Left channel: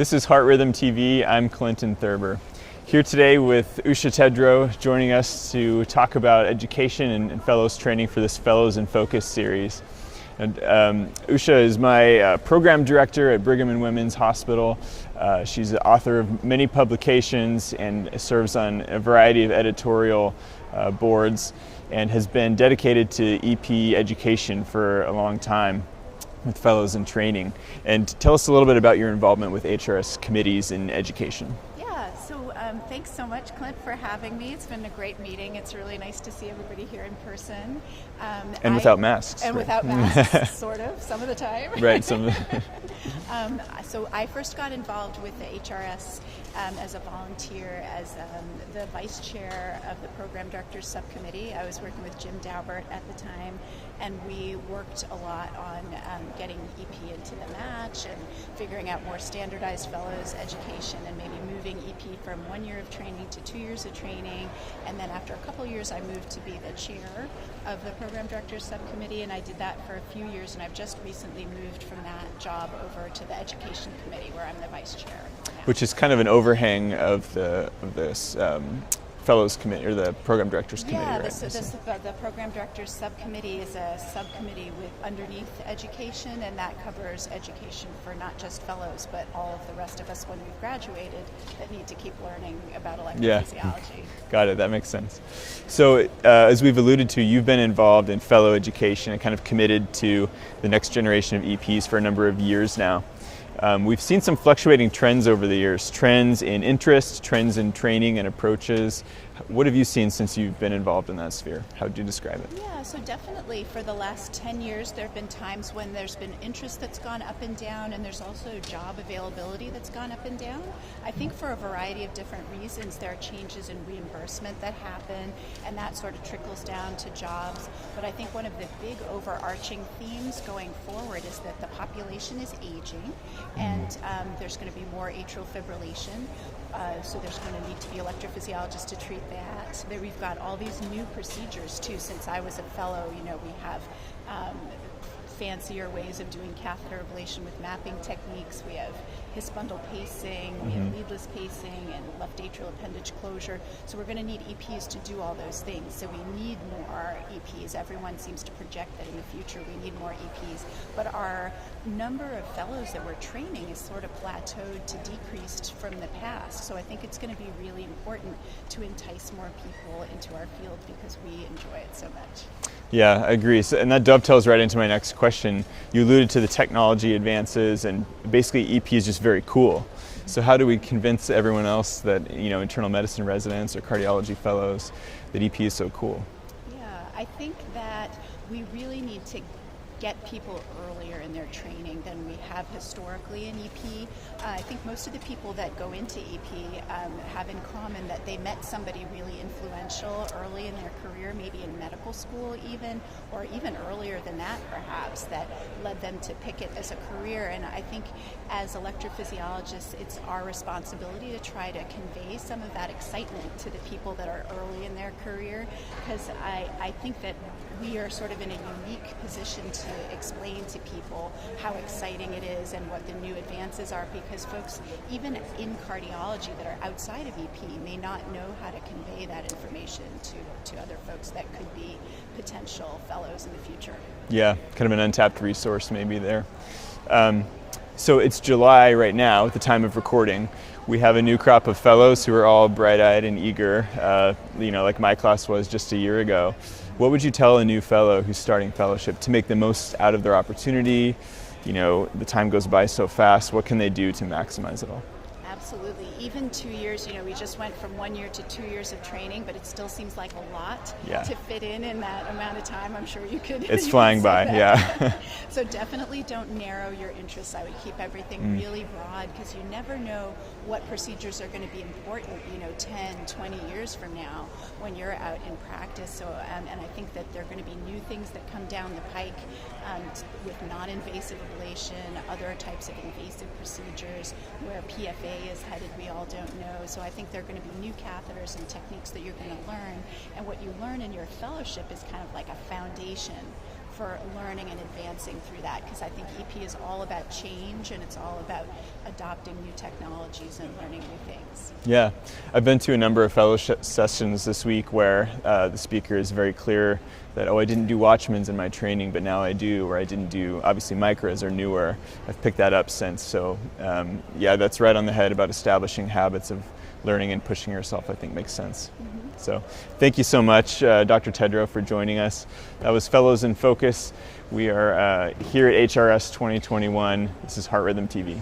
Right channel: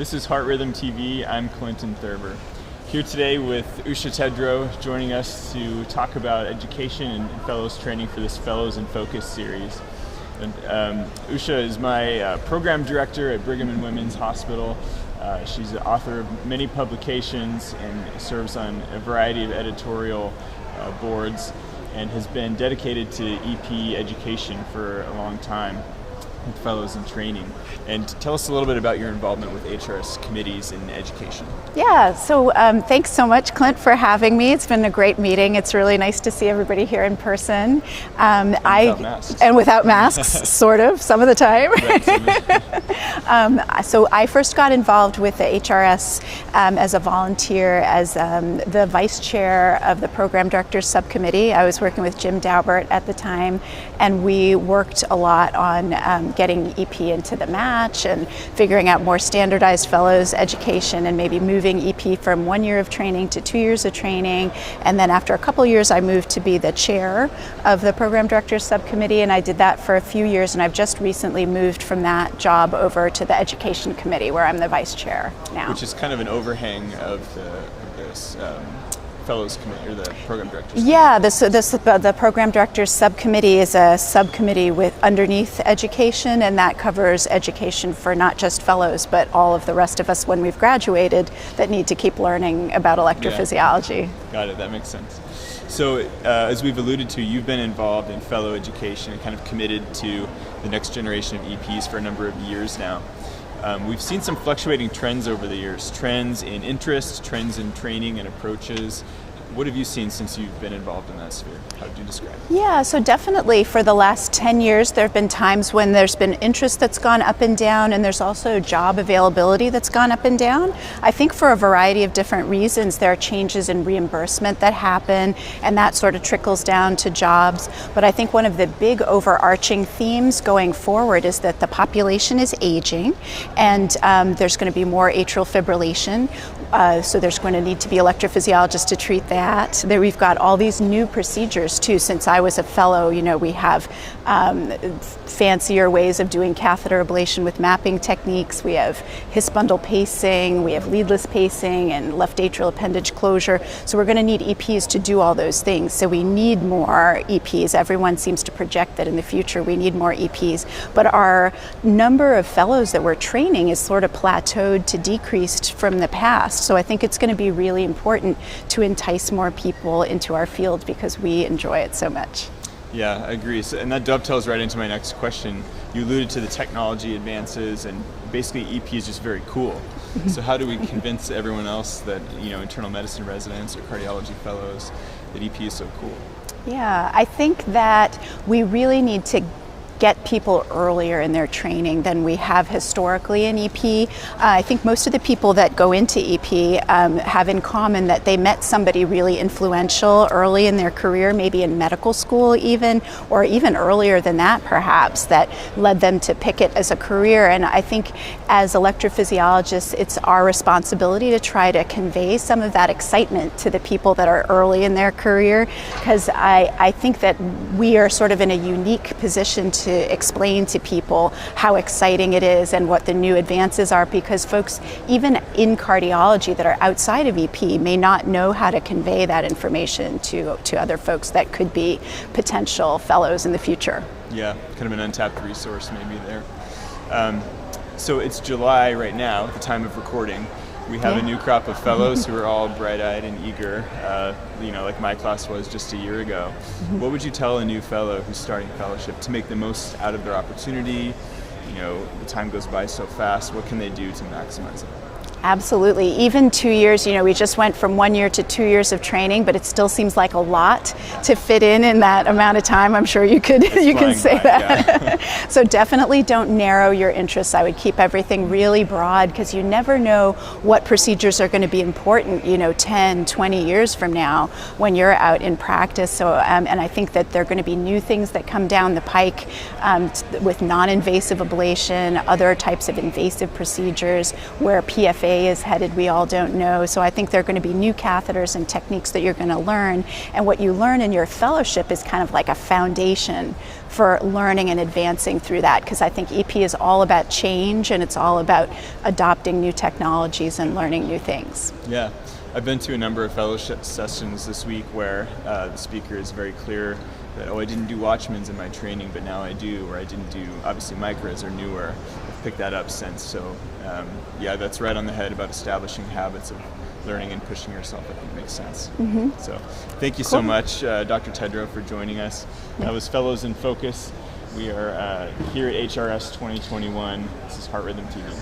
This is Heart Rhythm TV. I'm Clinton Thurber. Here today with Usha Tedrow, joining us to talk about education and fellows training for this Fellows in Focus series. And Usha is my program director at Brigham and Women's Hospital. She's the author of many publications and serves on a variety of editorial boards and has been dedicated to EP education for a long time with fellows in training. And tell us a little bit about your involvement with FHRS committees in education. Yeah, so thanks so much, Clint, for having me. It's been a great meeting. It's really nice to see everybody here in person. And without masks. And without masks, sort of, some of the time. Right, so I first got involved with the HRS as a volunteer, as the vice chair of the program directors subcommittee. I was working with Jim Daubert at the time, and we worked a lot on getting EP into the match and figuring out more standardized fellows education and maybe moving EP from 1 year of training to 2 years of training. And then after a couple years, I moved to be the chair of the program directors subcommittee, and I did that for a few years, and I've just recently moved from that job over to the education committee where I'm the vice chair now. Which is kind of an overhang of this fellows committee, or the program directors committee. Yeah, the program directors subcommittee is a subcommittee with underneath education, and that covers education for not just fellows, but all of the rest of us when we've graduated that need to keep learning about electrophysiology. Yeah. Got it, that makes sense. So as we've alluded to, you've been involved in fellow education and kind of committed to the next generation of EPs for a number of years now. We've seen some fluctuating trends over the years, trends in interest, trends in training and approaches. What have you seen since you've been involved in that sphere? How would you describe it? Yeah, so definitely for the last 10 years, there have been times when there's been interest that's gone up and down, and there's also job availability that's gone up and down. I think for a variety of different reasons, there are changes in reimbursement that happen, and that sort of trickles down to jobs. But I think one of the big overarching themes going forward is that the population is aging, and there's going to be more atrial fibrillation. So there's going to need to be electrophysiologists to treat that. There we've got all these new procedures too. Since I was a fellow, we have fancier ways of doing catheter ablation with mapping techniques. We have His bundle pacing, we have leadless pacing, and left atrial appendage closure. So we're going to need EPs to do all those things. So we need more EPs. Everyone seems to project that in the future we need more EPs. But our number of fellows that we're training is sort of plateaued to decreased from the past. So I think it's going to be really important to entice more people into our field because we enjoy it so much. Yeah, I agree. So, and that dovetails right into my next question. You alluded to the technology advances, and basically EP is just very cool. So how do we convince everyone else that, internal medicine residents or cardiology fellows, that EP is so cool? Yeah, I think that we really need to get people earlier in their training than we have historically in EP. I think most of the people that go into EP have in common that they met somebody really influential early in their career, maybe in medical school even, or even earlier than that perhaps, that led them to pick it as a career. And I think as electrophysiologists, it's our responsibility to try to convey some of that excitement to the people that are early in their career, because I think that we are sort of in a unique position to explain to people how exciting it is and what the new advances are, because folks even in cardiology that are outside of EP may not know how to convey that information to other folks that could be potential fellows in the future. Yeah, kind of an untapped resource maybe there. So it's July right now at the time of recording. We have a new crop of fellows who are all bright-eyed and eager, like my class was just a year ago. What would you tell a new fellow who's starting fellowship to make the most out of their opportunity? The time goes by so fast. What can they do to maximize it all? Absolutely. Even 2 years, we just went from 1 year to 2 years of training, but it still seems like a lot to fit in that amount of time. I'm sure you can say that. Yeah. So definitely don't narrow your interests. I would keep everything really broad, because you never know what procedures are going to be important, 10, 20 years from now when you're out in practice. So, and I think that there are going to be new things that come down the pike with non-invasive ablation, other types of invasive procedures where PFA day is headed, we all don't know. So I think there are going to be new catheters and techniques that you're going to learn. And what you learn in your fellowship is kind of like a foundation for learning and advancing through that, because I think EP is all about change, and it's all about adopting new technologies and learning new things. Yeah, I've been to a number of fellowship sessions this week where the speaker is very clear that, oh, I didn't do Watchman's in my training, but now I do, or I didn't do, obviously micros are newer. I've picked that up since. So yeah, that's right on the head about establishing habits of learning and pushing yourself, I think makes sense. So thank you so much, Dr. Tedrow, for joining us. That was Fellows in Focus. We are here at HRS 2021. This is Heart Rhythm TV.